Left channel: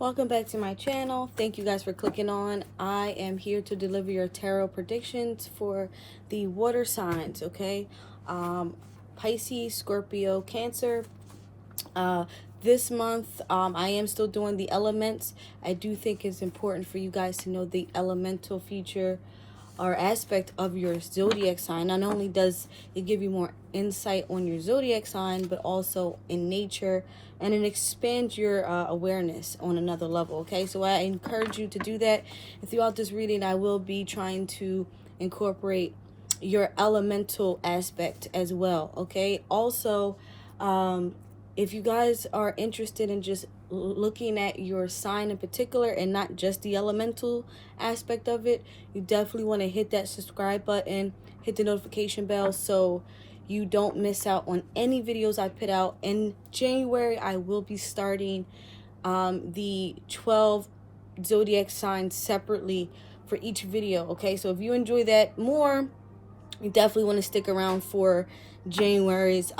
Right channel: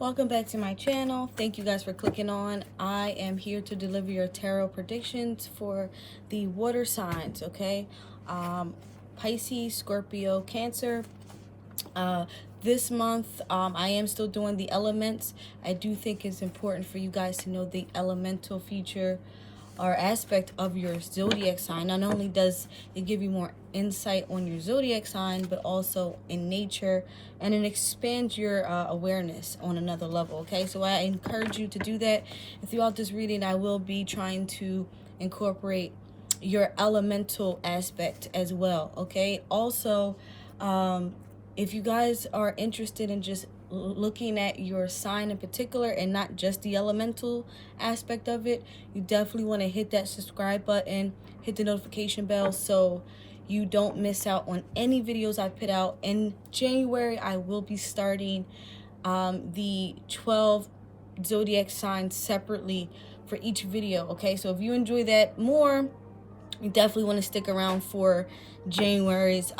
Welcome back to my channel. Thank you guys for clicking on. I am here to deliver your tarot predictions for the water signs, okay? Pisces, Scorpio, Cancer. This month, I am still doing the elements. I do think it's important for you guys to know the elemental feature or aspect of your zodiac sign. Not only does it give you more insight on your zodiac sign, but also in nature, and it expands your awareness on another level. Okay, so I encourage you to do that. And throughout this reading, I will be trying to incorporate your elemental aspect as well. Okay, also if you guys are interested in just looking at your sign in particular and not just the elemental aspect of it, you definitely want to hit that subscribe button, hit the notification bell so you don't miss out on any videos I put out. In January, I will be starting the 12 zodiac signs separately for each video. Okay, so if you enjoy that more, you definitely want to stick around for January's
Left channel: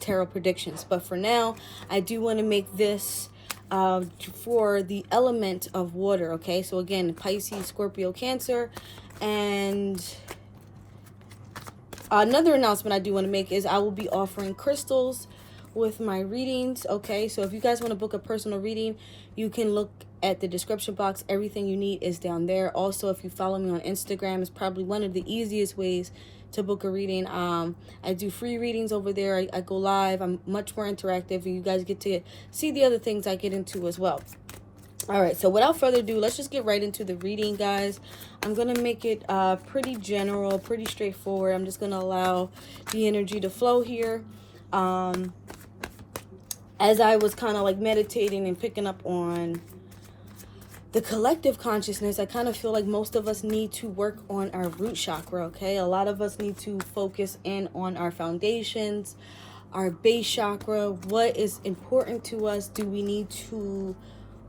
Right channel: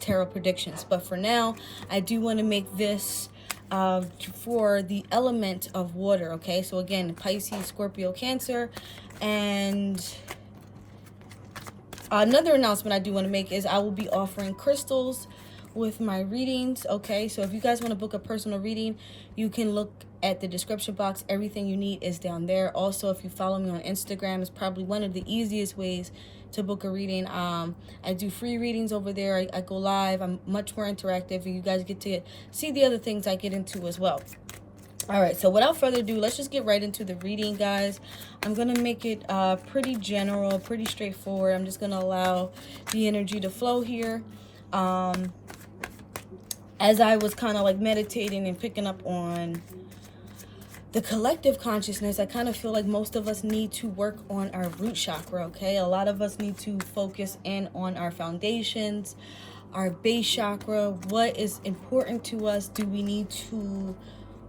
tarot predictions. But for now, I do want to make this for the element of water. Okay, so again, Pisces, Scorpio, Cancer. And another announcement I do want to make is I will be offering crystals with my readings. Okay, so if you guys want to book a personal reading, you can look at the description box. Everything you need is down there. Also, if you follow me on Instagram, it's probably one of the easiest ways to book a reading. I do free readings over there. I go live. I'm much more interactive, and you guys get to see the other things I get into as well. All right, so without further ado, let's just get right into the reading, guys. I'm gonna make it pretty general, pretty straightforward. I'm just gonna allow the energy to flow here. As I was kind of like meditating and picking up on the collective consciousness, I kind of feel like most of us need to work on our root chakra, okay? A lot of us need to focus in on our foundations, our base chakra. What is important to us? Do we need to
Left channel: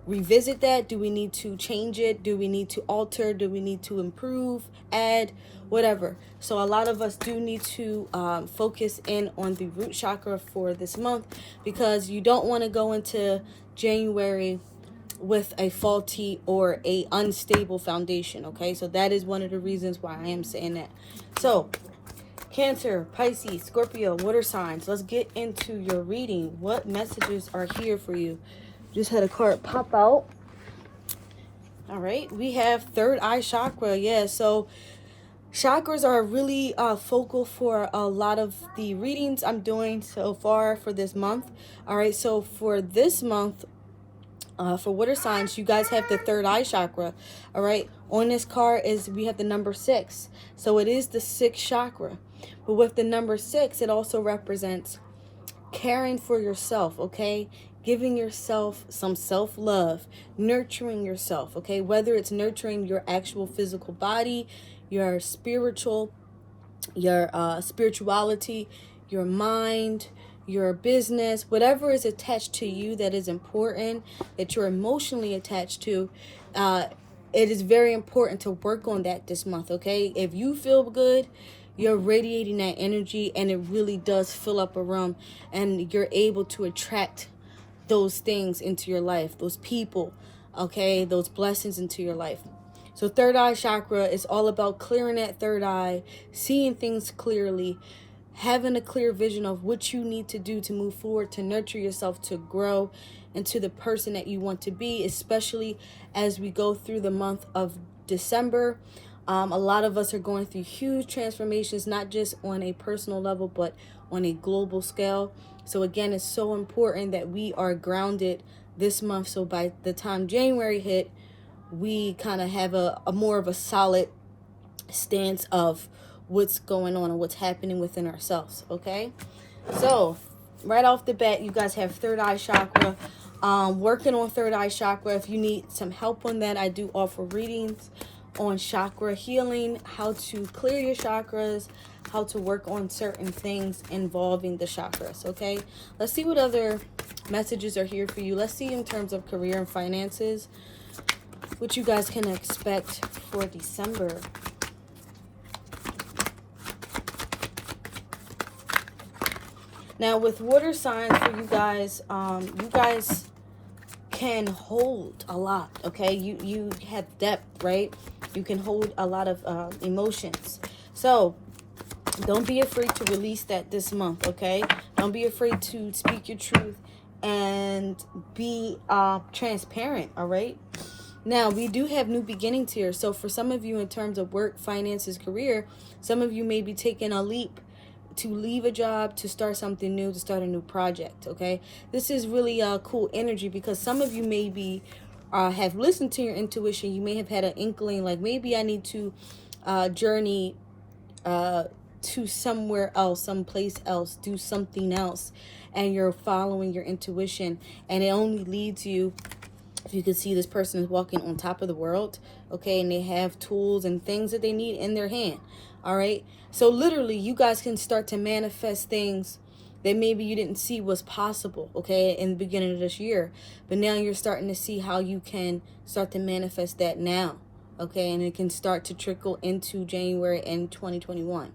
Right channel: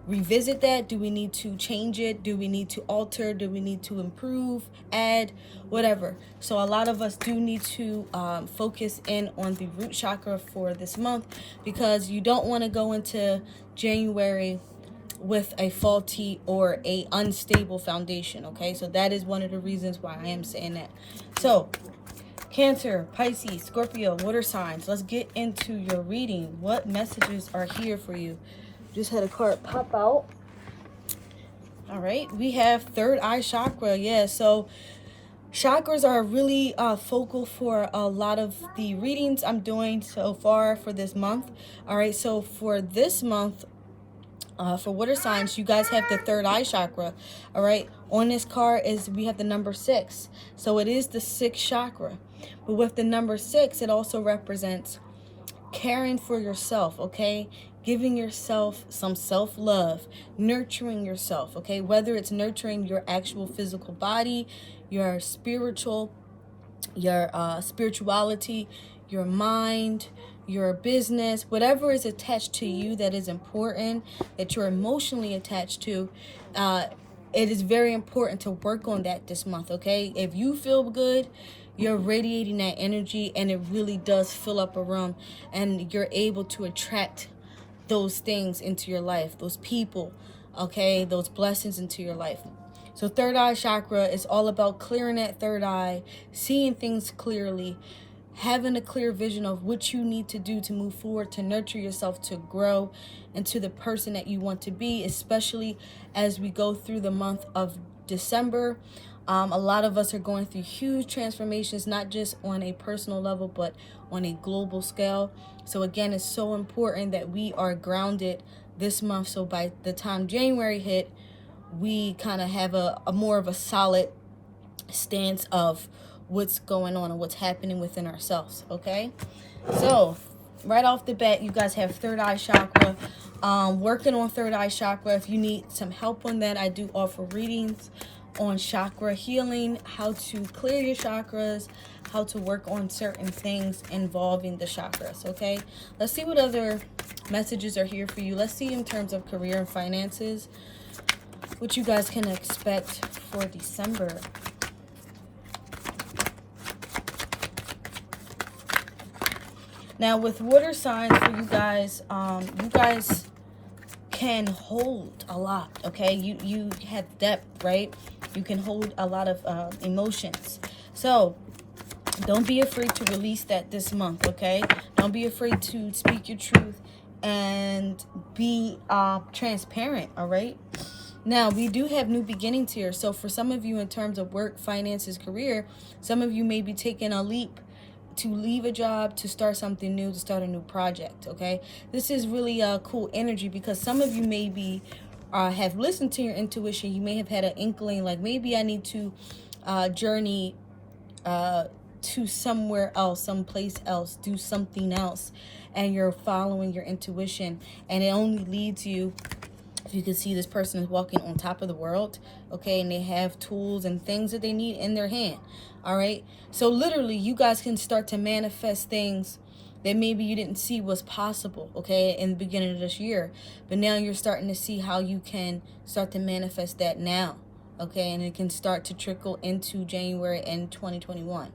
revisit that? Do we need to change it? Do we need to alter? Do we need to improve, add, whatever? So a lot of us do need to focus in on the root chakra for this month, because you don't want to go into January with a faulty or a unstable foundation. Okay, so that is one of the reasons why I am saying that. So Cancer, Pisces, Scorpio, water signs, let's get into your reading. What messages are here for you? Just had a card pop out. All right, we have third eye chakra. Yeah, so chakras are really focal for a lot of the readings I'm doing so far for this month. All right, so for this month, for water signs, you guys have the third eye chakra. All right, on this card is we have the number 6, so it is the 6th chakra. But with the number 6, it also represents caring for yourself. Okay, giving yourself some self-love, nurturing yourself. Okay, whether it's nurturing your actual physical body, your spirituality, your mind, your business, whatever is attached to you that is important, that you're emotionally attached to, it is very important to work on that this month. Okay, if you feel good, you're radiating that energy, and it really does fill up a room, and you're able to attract those things into your life, those people, okay, those blessings into your life. So third eye chakra is all about clearing that third eye, seeing things clearly, having a clear vision of what you need to do to move forward, to nurture yourself, to grow into the person that you want to be, especially as we go through the month of December. A lot of us are going through huge transformations, not just on a personal level, but on a global scale. So again, it's so important that we are grounded this month, so by the time January hit, we kind of have a more of a solid stance of what's going on and what's happening within ourselves. Okay, so right off the bat, you guys have third eye chakra. Working on third eye chakra, if you need some help on that, I do offer readings on chakra healing, how to clear your chakras, how to work on certain things involving the chakras. Okay, let's see what other messages are here for you. Let's see in terms of career and finances, what you guys can expect for December. Now with water signs for you guys can hold a lot, okay? You have depth, right? You can hold a lot of emotions. So don't be afraid to release that this month, okay? Don't be afraid to speak your truth and be transparent, all right? Now, we do have new beginnings here. So for some of you, in terms of work, finances, career, some of you may be taking a leap to leave a job, to start something new, to start a new project, okay? This is really a cool energy, because some of you maybe have listened to your intuition. You may have had an inkling, like maybe I need to journey to somewhere else, someplace else, do something else, and you're following your intuition, and it only leads you. If you can see, this person is walking on top of the world, okay, and they have tools and things that they need in their hand, all right? So literally, you guys can start to manifest things that maybe you didn't see was possible, okay, in the beginning of this year, but now you're starting to see how you can start to manifest that now, okay, and it can start to trickle into January and 2021.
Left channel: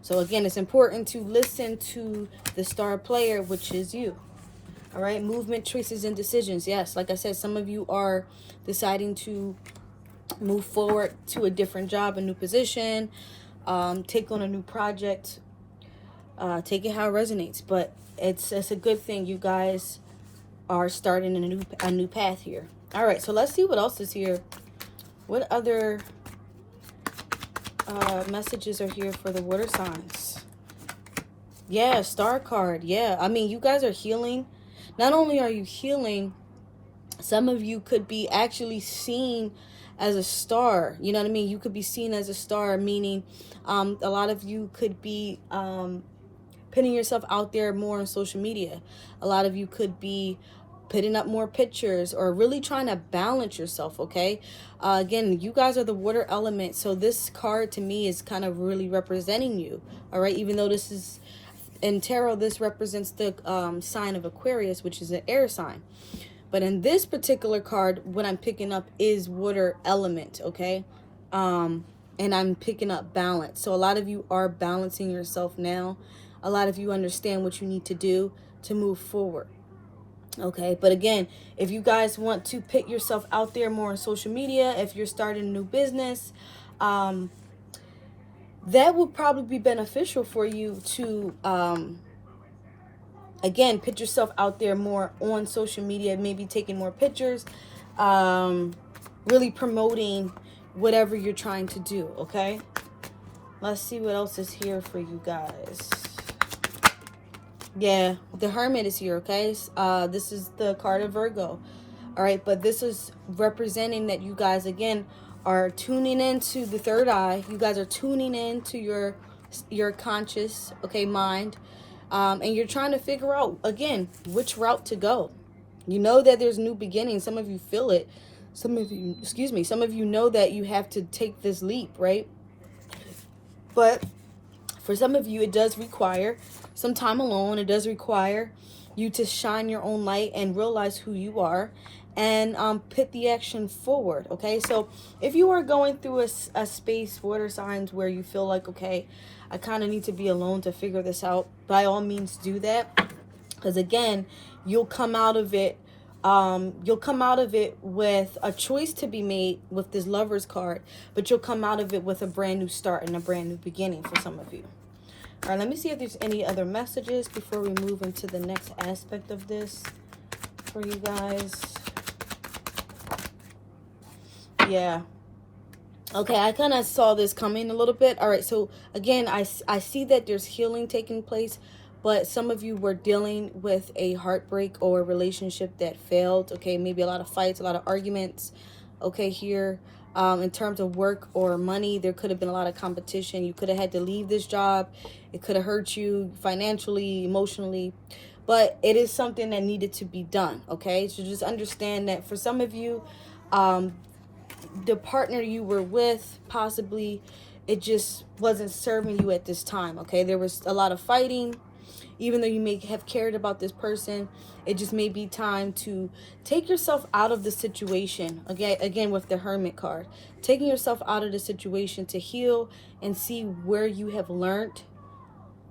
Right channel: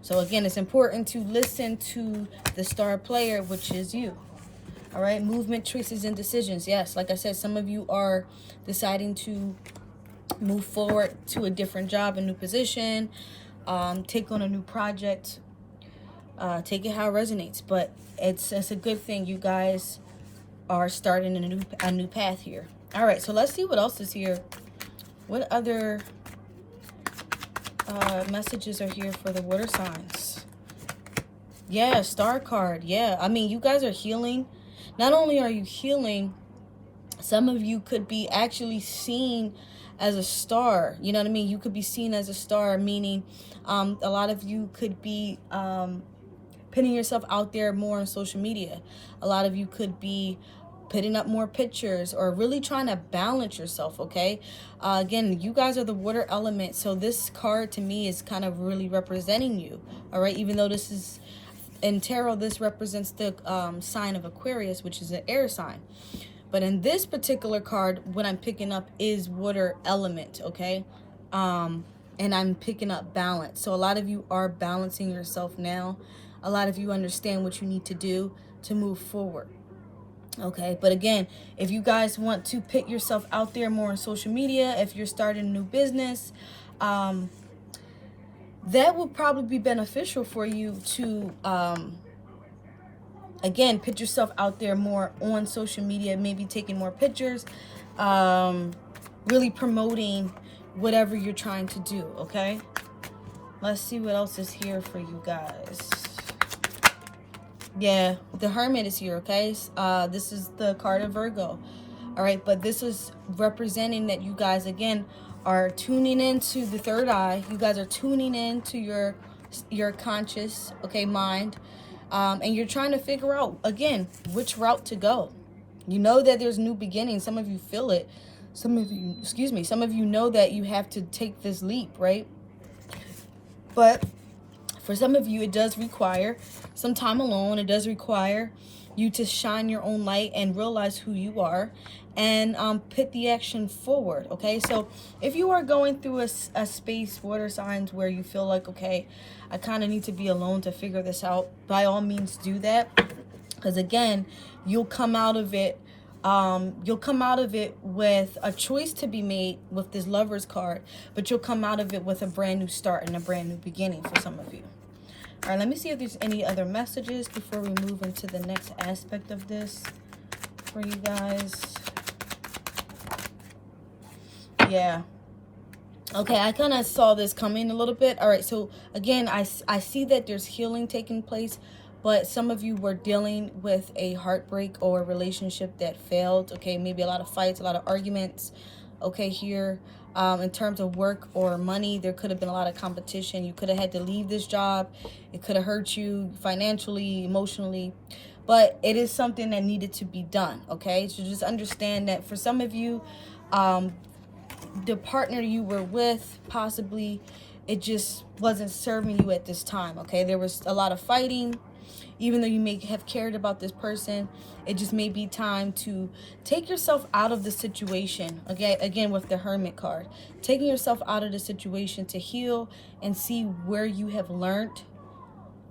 So again, it's important to listen to the star player, which is you. All right, movement, choices, and decisions. Yes, like I said, some of you are deciding to move forward to a different job, a new position, take on a new project, take it how it resonates. But it's a good thing. You guys are starting a new path here. All right, so let's see what else is here. What other messages are here for the water signs? Yeah, star card. Yeah, I mean, you guys are healing. Not only are you healing, some of you could be actually seen as a star. You know what I mean? You could be seen as a star, meaning a lot of you could be putting yourself out there more on social media. A lot of you could be putting up more pictures or really trying to balance yourself, okay? Again, you guys are the water element, so this card to me is kind of really representing you, all right? Even though this is, in tarot, this represents the sign of Aquarius, which is an air sign. But in this particular card, what I'm picking up is water element, okay? And I'm picking up balance. So a lot of you are balancing yourself now. A lot of you understand what you need to do to move forward, okay? But again, if you guys want to put yourself out there more on social media, if you're starting a new business, that will probably be beneficial for you to, again, put yourself out there more on social media, maybe taking more pictures, really promoting whatever you're trying to do, okay? Let's see what else is here for you guys. Yeah, the Hermit is here, okay? This is the card of Virgo, all right? But this is representing that you guys, again, are tuning into the third eye. You guys are tuning into your conscious, okay, mind. And you're trying to figure out, again, which route to go. You know that there's new beginnings. Some of you feel it. Some of you know that you have to take this leap, right? But for some of you, it does require some time alone. It does require you to shine your own light and realize who you are and put the action forward, okay? So if you are going through a space, water signs, where you feel like, okay, I kind of need to be alone to figure this out, by all means do that. Because again, you'll come out of it with a choice to be made with this Lover's card, but you'll come out of it with a brand new start and a brand new beginning for some of you. All right, let me see if there's any other messages before we move into the next aspect of this for you guys. Yeah. Okay, I kind of saw this coming a little bit. All right, so again, I see that there's healing taking place, but some of you were dealing with a heartbreak or a relationship that failed, okay? Maybe a lot of fights, a lot of arguments, okay, here. In terms of work or money, there could have been a lot of competition. You could have had to leave this job. It could have hurt you financially, emotionally, but it is something that needed to be done, okay? So just understand that for some of you, the partner you were with, possibly, it just wasn't serving you at this time, okay? There was a lot of fighting. Even though you may have cared about this person, it just may be time to take yourself out of the situation. Again, with the Hermit card, taking yourself out of the situation to heal and see where you have learned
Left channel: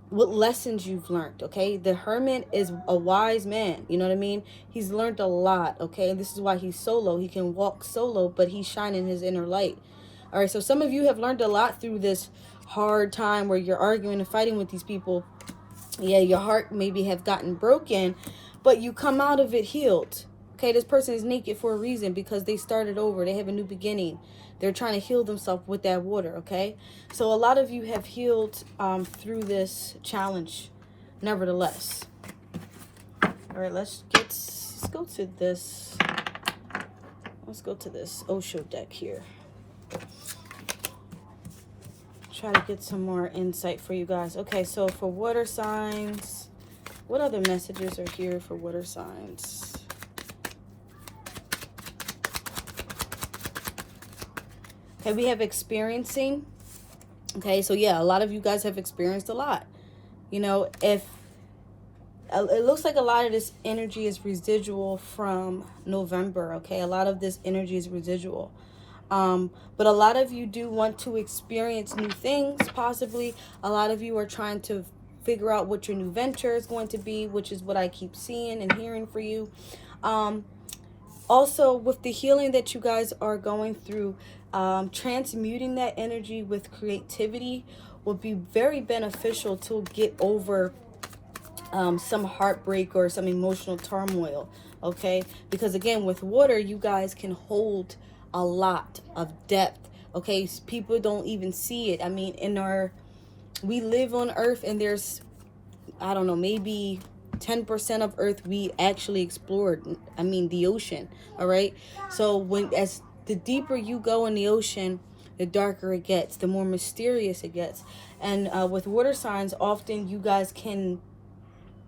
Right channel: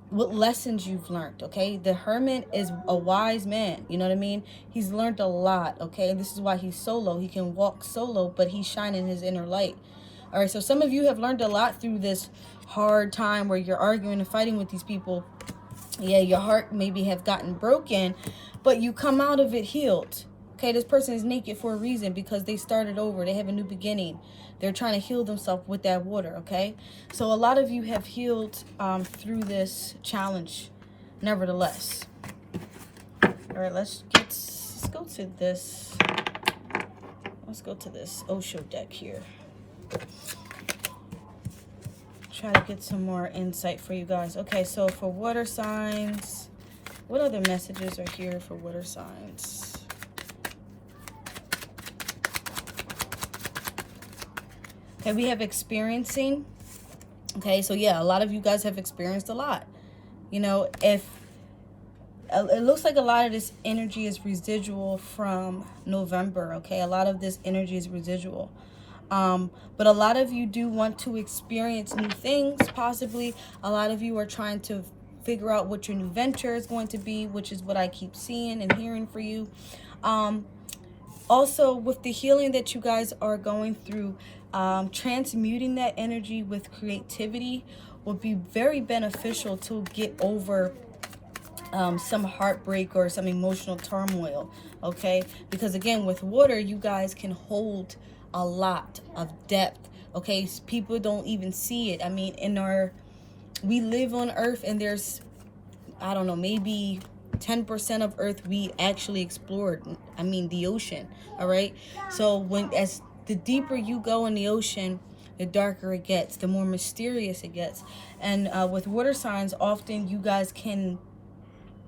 what lessons you've learned, okay? The Hermit is a wise man, you know what I mean? He's learned a lot, okay? This is why he's solo. He can walk solo, but he's shining his inner light. All right, so some of you have learned a lot through this hard time where you're arguing and fighting with these people. Yeah, your heart maybe have gotten broken, but you come out of it healed. Okay, this person is naked for a reason, because they started over. They have a new beginning. They're trying to heal themselves with that water, okay? So a lot of you have healed through this challenge, nevertheless. All right, let's go to this. Let's go to this Osho deck here. Try to get some more insight for you guys. Okay, so for water signs, what other messages are here for water signs? Okay, we have experiencing. Okay, so yeah, a lot of you guys have experienced a lot. You know, if it looks like a lot of this energy is residual from November, okay? A lot of this energy is residual. But a lot of you do want to experience new things, possibly. A lot of you are trying to figure out what your new venture is going to be, which is what I keep seeing and hearing for you. Also, with the healing that you guys are going through, transmuting that energy with creativity will be very beneficial to get over some heartbreak or some emotional turmoil, okay? Because again, with water, you guys can hold a lot of depth, okay? People don't even see it. I mean, we live on Earth, and there's, I don't know, maybe 10% of Earth we actually explored. I mean, the ocean, all right? So as the deeper you go in the ocean, the darker it gets, the more mysterious it gets. And with water signs, often you guys can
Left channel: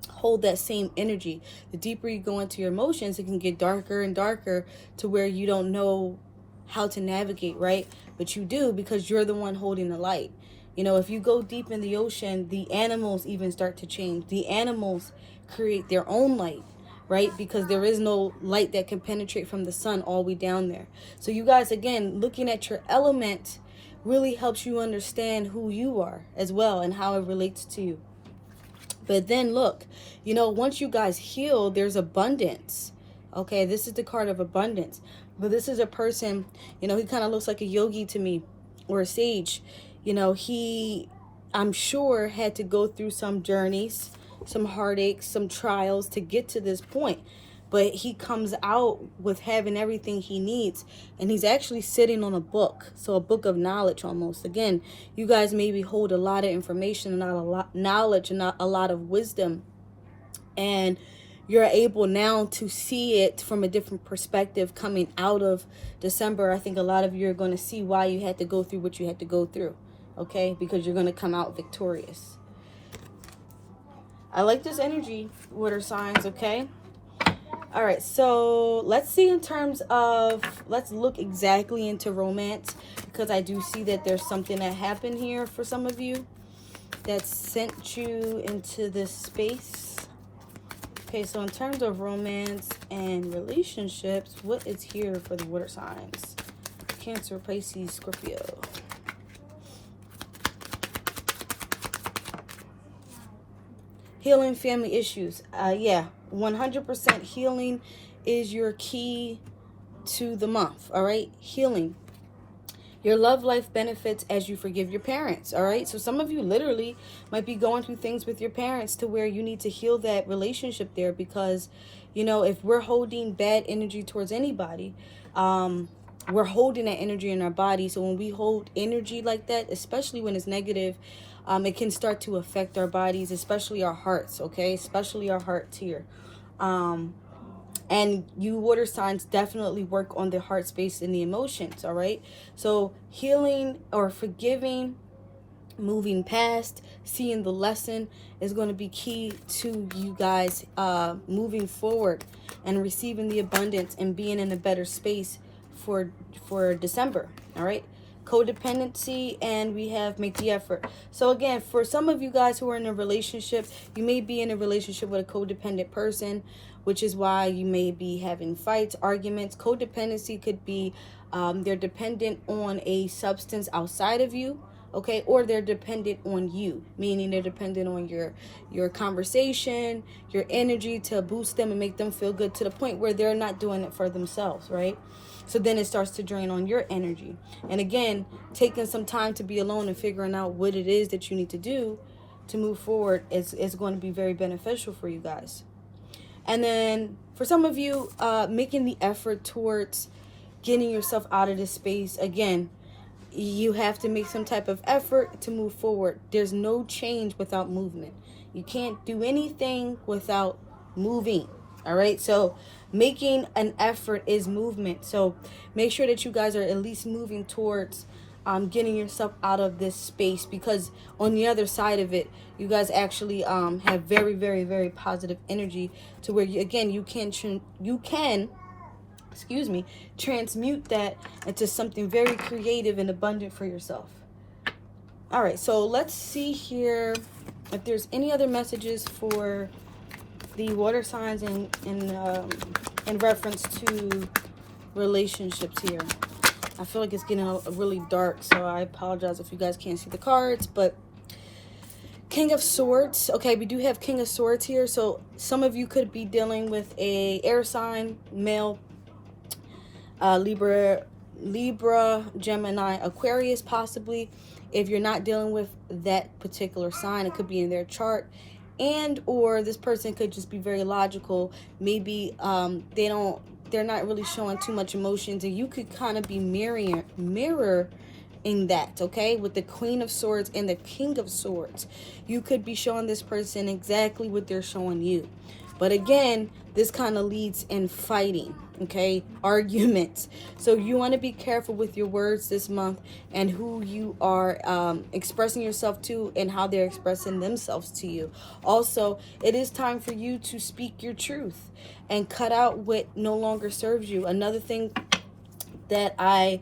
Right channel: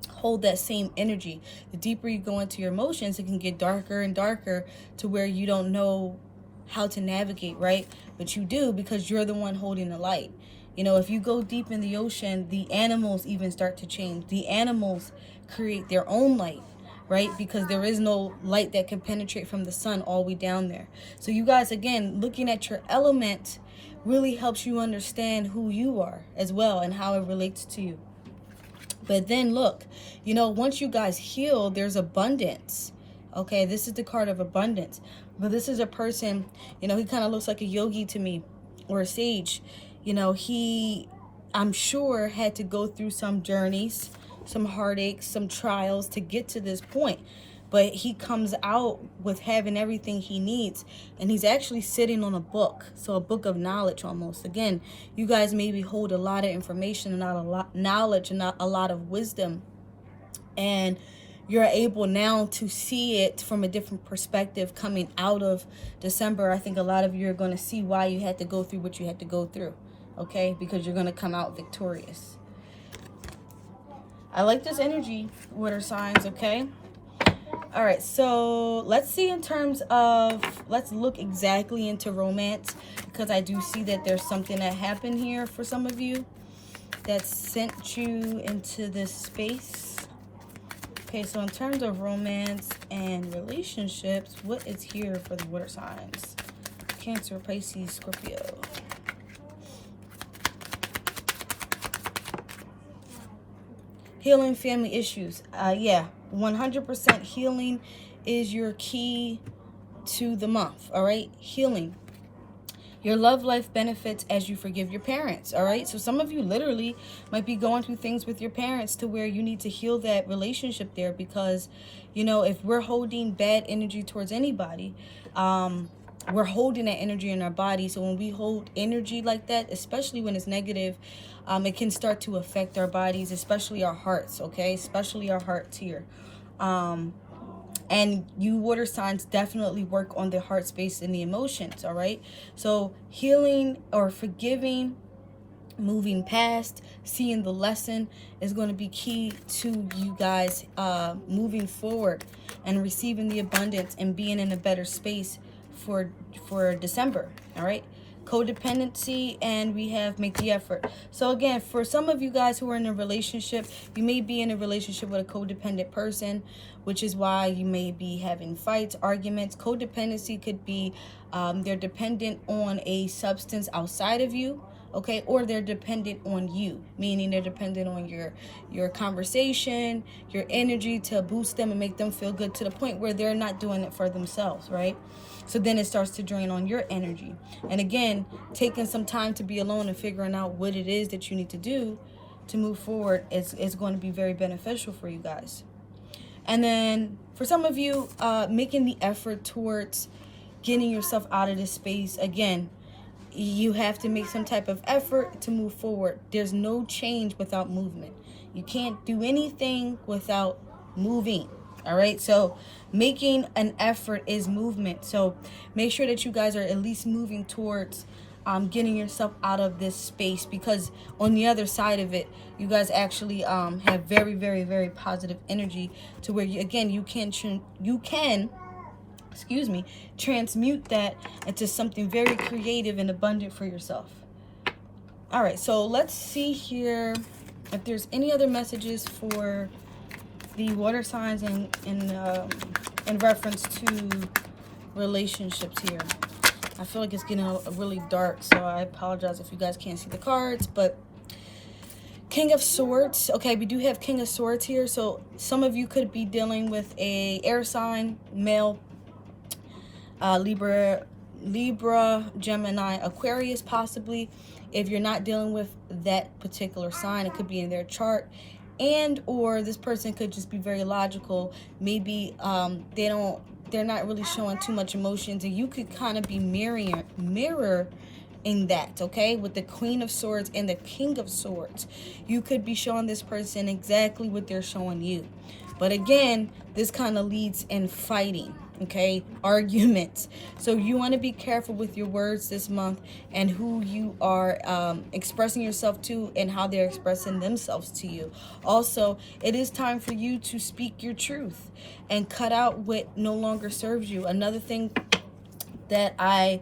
hold that same energy. The deeper you go into your emotions, it can get darker and darker to where you don't know how to navigate, right? But you do, because you're the one holding the light. You know, if you go deep in the ocean, the animals even start to change. The animals create their own light, right? Because there is no light that can penetrate from the sun all the way down there. So you guys, again, looking at your element really helps you understand who you are as well and how it relates to you. But then look, you know, once you guys heal, there's abundance. Okay, this is the card of abundance. But this is a person, you know, he kind of looks like a yogi to me, or a sage. You know, I'm sure, had to go through some journeys, some heartaches, some trials to get to this point. But he comes out with having everything he needs. And he's actually sitting on a book. So a book of knowledge almost. Again, you guys maybe hold a lot of information and not a lot knowledge and not a lot of wisdom. And you're able now to see it from a different perspective coming out of December. I think a lot of you are going to see why you had to go through what you had to go through. Okay? Because you're going to come out victorious. I like this energy, water signs, okay? All right, so let's see in terms of, let's look exactly into romance, because I do see that there's something that happened here for some of you that sent you into this space. Okay, so in terms of romance and relationships, what is here for the water signs? Cancer, Pisces, Scorpio. Healing family issues. Yeah, 100% healing is your key to the month, all right? Healing. Your love life benefits as you forgive your parents, all right? So some of you literally might be going through things with your parents to where you need to heal that relationship there, because, you know, if we're holding bad energy towards anybody, we're holding that energy in our body. So when we hold energy like that, especially when it's negative, it can start to affect our bodies, especially our hearts, okay? Especially our hearts here. And you water signs definitely work on the heart space and the emotions, all right? So healing or forgiving, moving past, seeing the lesson is going to be key to you guys moving forward and receiving the abundance and being in a better space for December, all right? Codependency, and we have make the effort. So again, for some of you guys who are in a relationship, you may be in a relationship with a codependent person, which is why you may be having fights, arguments. Codependency could be they're dependent on a substance outside of you, okay? Or they're dependent on you, meaning they're dependent on your conversation, your energy to boost them and make them feel good to the point where they're not doing it for themselves, right? So then it starts to drain on your energy. And again, taking some time to be alone and figuring out what it is that you need to do to move forward is going to be very beneficial for you guys. And then for some of you, making the effort towards getting yourself out of this space. Again, you have to make some type of effort to move forward. There's no change without movement. You can't do anything without moving. All right, so making an effort is movement. So make sure that you guys are at least moving towards getting yourself out of this space, because on the other side of it, you guys actually have very, very, very positive energy to where you can excuse me, transmute that into something very creative and abundant for yourself. All right, so let's see here if there's any other messages for the water signs in reference to relationships here. I feel like it's getting really dark, so I apologize if you guys can't see the cards, but King of Swords. Okay, we do have King of Swords here, so some of you could be dealing with a air sign, male, Libra, Gemini, Aquarius, possibly. If you're not dealing with that particular sign, it could be in their chart. And or this person could just be very logical. Maybe they're not really showing too much emotions, and you could kind of be mirroring that, okay? With the Queen of Swords and the King of Swords, you could be showing this person exactly what they're showing you. But again, this kind of leads in fighting, okay? Arguments. So you want to be careful with your words this month and who you are expressing yourself to and how they're expressing themselves to you. Also, it is time for you to speak your truth and cut out what no longer serves you. Another thing that I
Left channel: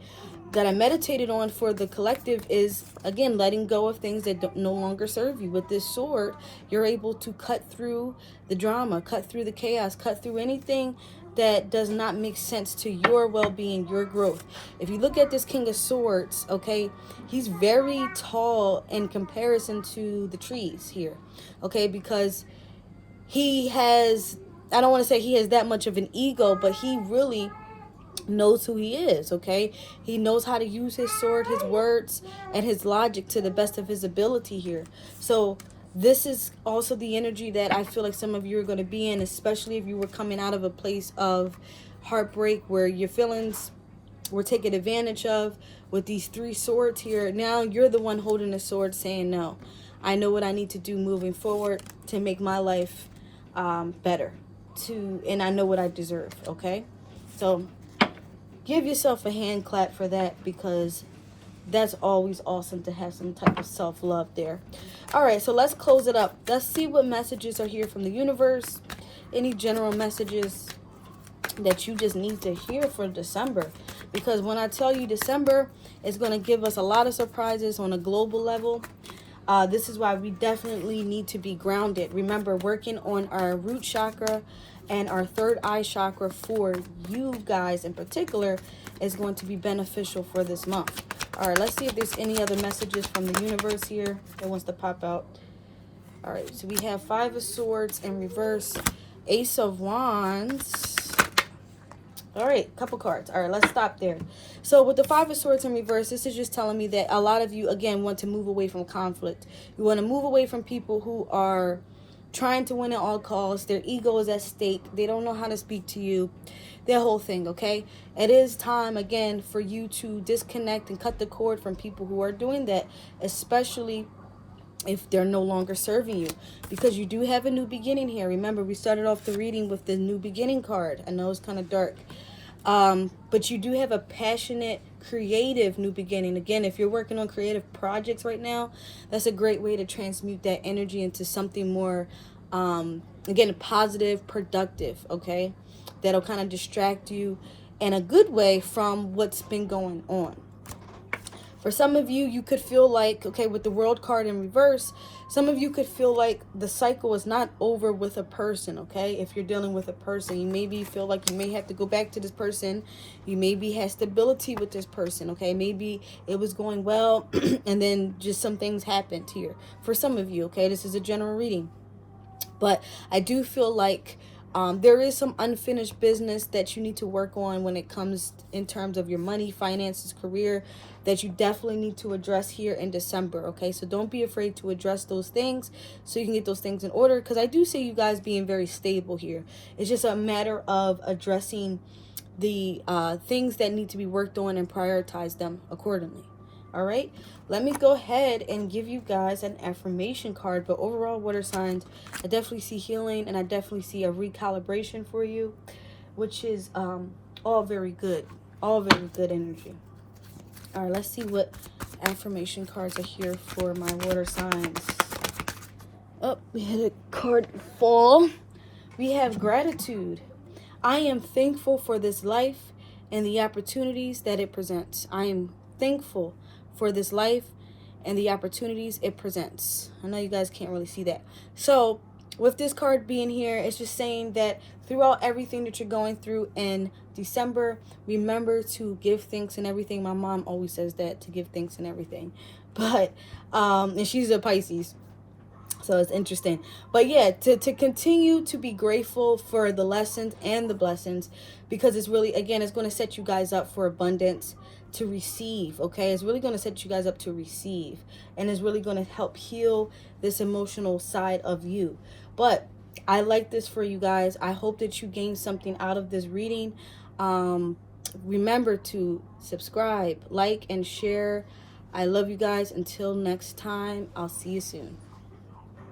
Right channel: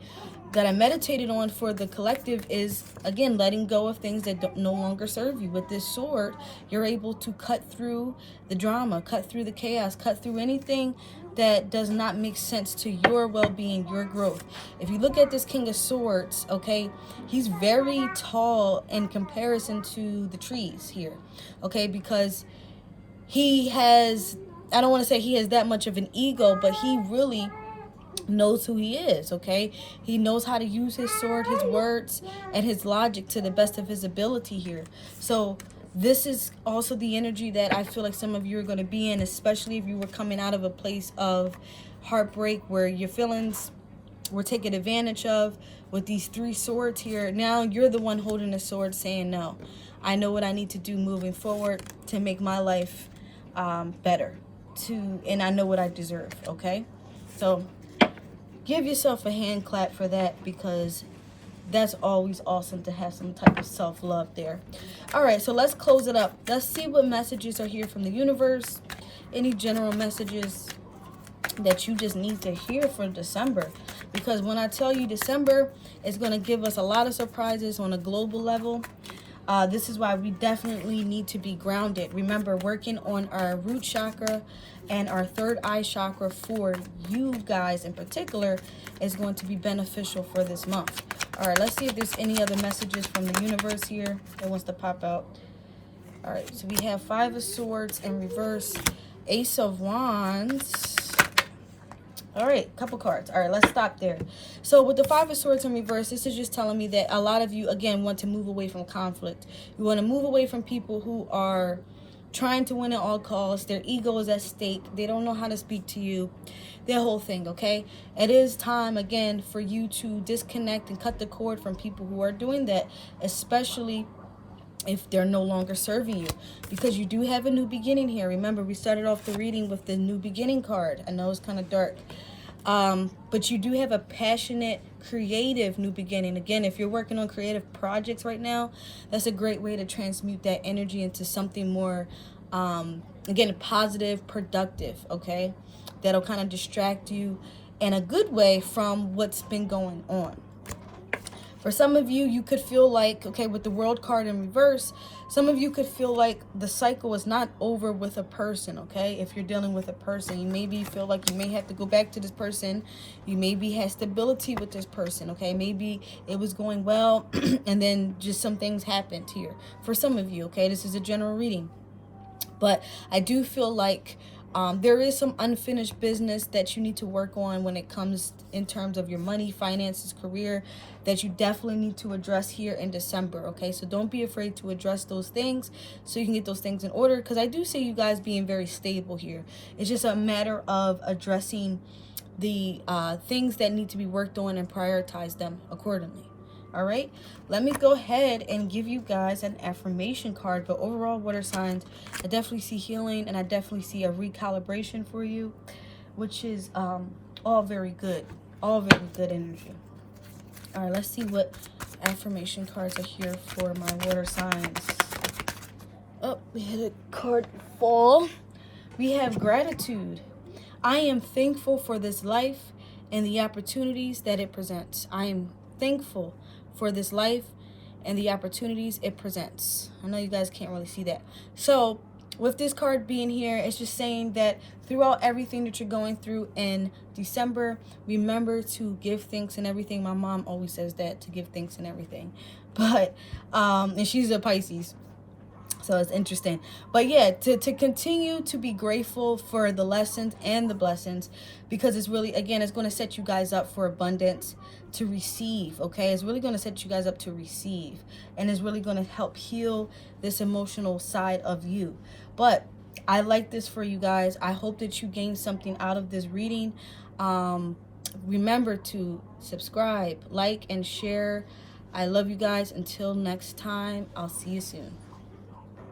meditated on for the collective is, again, letting go of things that no longer serve you. With this sword, you're able to cut through the drama, cut through the chaos, cut through anything that does not make sense to your well-being, your growth. If you look at this King of Swords, okay, he's very tall in comparison to the trees here, okay, because he has, I don't want to say he has that much of an ego, but he really knows who he is, okay? He knows how to use his sword, his words, and his logic to the best of his ability here. So this is also the energy that I feel like some of you are going to be in, especially if you were coming out of a place of heartbreak where your feelings were taken advantage of. With these 3 swords here, now you're the one holding the sword saying, no, I know what I need to do moving forward to make my life better, and I know what I deserve, okay? So give yourself a hand clap for that, because that's always awesome to have some type of self-love there. All right, so let's close it up. Let's see what messages are here from the universe. Any general messages that you just need to hear for December. Because when I tell you December is going to give us a lot of surprises on a global level, this is why we definitely need to be grounded. Remember, working on our root chakra and our third eye chakra for you guys in particular is going to be beneficial for this month. All right, let's see if there's any other messages from the universe here that wants to pop out. All right, so we have 5 of Swords in reverse, Ace of Wands. All right, couple cards. All right, let's stop there. So with the 5 of Swords in reverse, this is just telling me that a lot of you, again, want to move away from conflict. You want to move away from people who are trying to win at all costs. Their ego is at stake. They don't know how to speak to you. Their whole thing, okay? It is time, again, for you to disconnect and cut the cord from people who are doing that, especially if they're no longer serving you, because you do have a new beginning here. Remember, we started off the reading with the new beginning card. I know it's kind of dark, but you do have a passionate, creative new beginning. Again, if you're working on creative projects right now, that's a great way to transmute that energy into something more, again, positive, productive, okay? That'll kind of distract you in a good way from what's been going on. For some of you, you could feel like, okay, with the World card in reverse, Some of you could feel like the cycle is not over with a person, okay? If you're dealing with a person, you maybe feel like you may have to go back to this person. You maybe have stability with this person, okay? Maybe it was going well and then just some things happened here. For some of you, okay? This is a general reading. But I do feel like there is some unfinished business that you need to work on when it comes in terms of your money, finances, career, that you definitely need to address here in December, okay? So don't be afraid to address those things so you can get those things in order, because I do see you guys being very stable here. It's just a matter of addressing the things that need to be worked on and prioritize them accordingly. All right, let me go ahead and give you guys an affirmation card. But overall, water signs, I definitely see healing, and I definitely see a recalibration for you, which is all very good, all very good energy. All right, let's see what affirmation cards are here for my water signs. Oh, we had a card fall. We have gratitude. I am thankful for this life and the opportunities that it presents. I am thankful for this life and the opportunities it presents. I know you guys can't really see that. So with this card being here, it's just saying that throughout everything that you're going through in December, remember to give thanks and everything. My mom always says that, to give thanks and everything. But and she's a Pisces, so it's interesting. But yeah, to continue to be grateful for the lessons and the blessings, because it's really, again, it's going to set you guys up for abundance, to receive, okay? It's really going to set you guys up to receive, and it's really going to help heal this emotional side of you. But I like this for you guys. I hope that you gain something out of this reading. Remember to subscribe, like, and share. I love you guys. Until next time, I'll see you soon.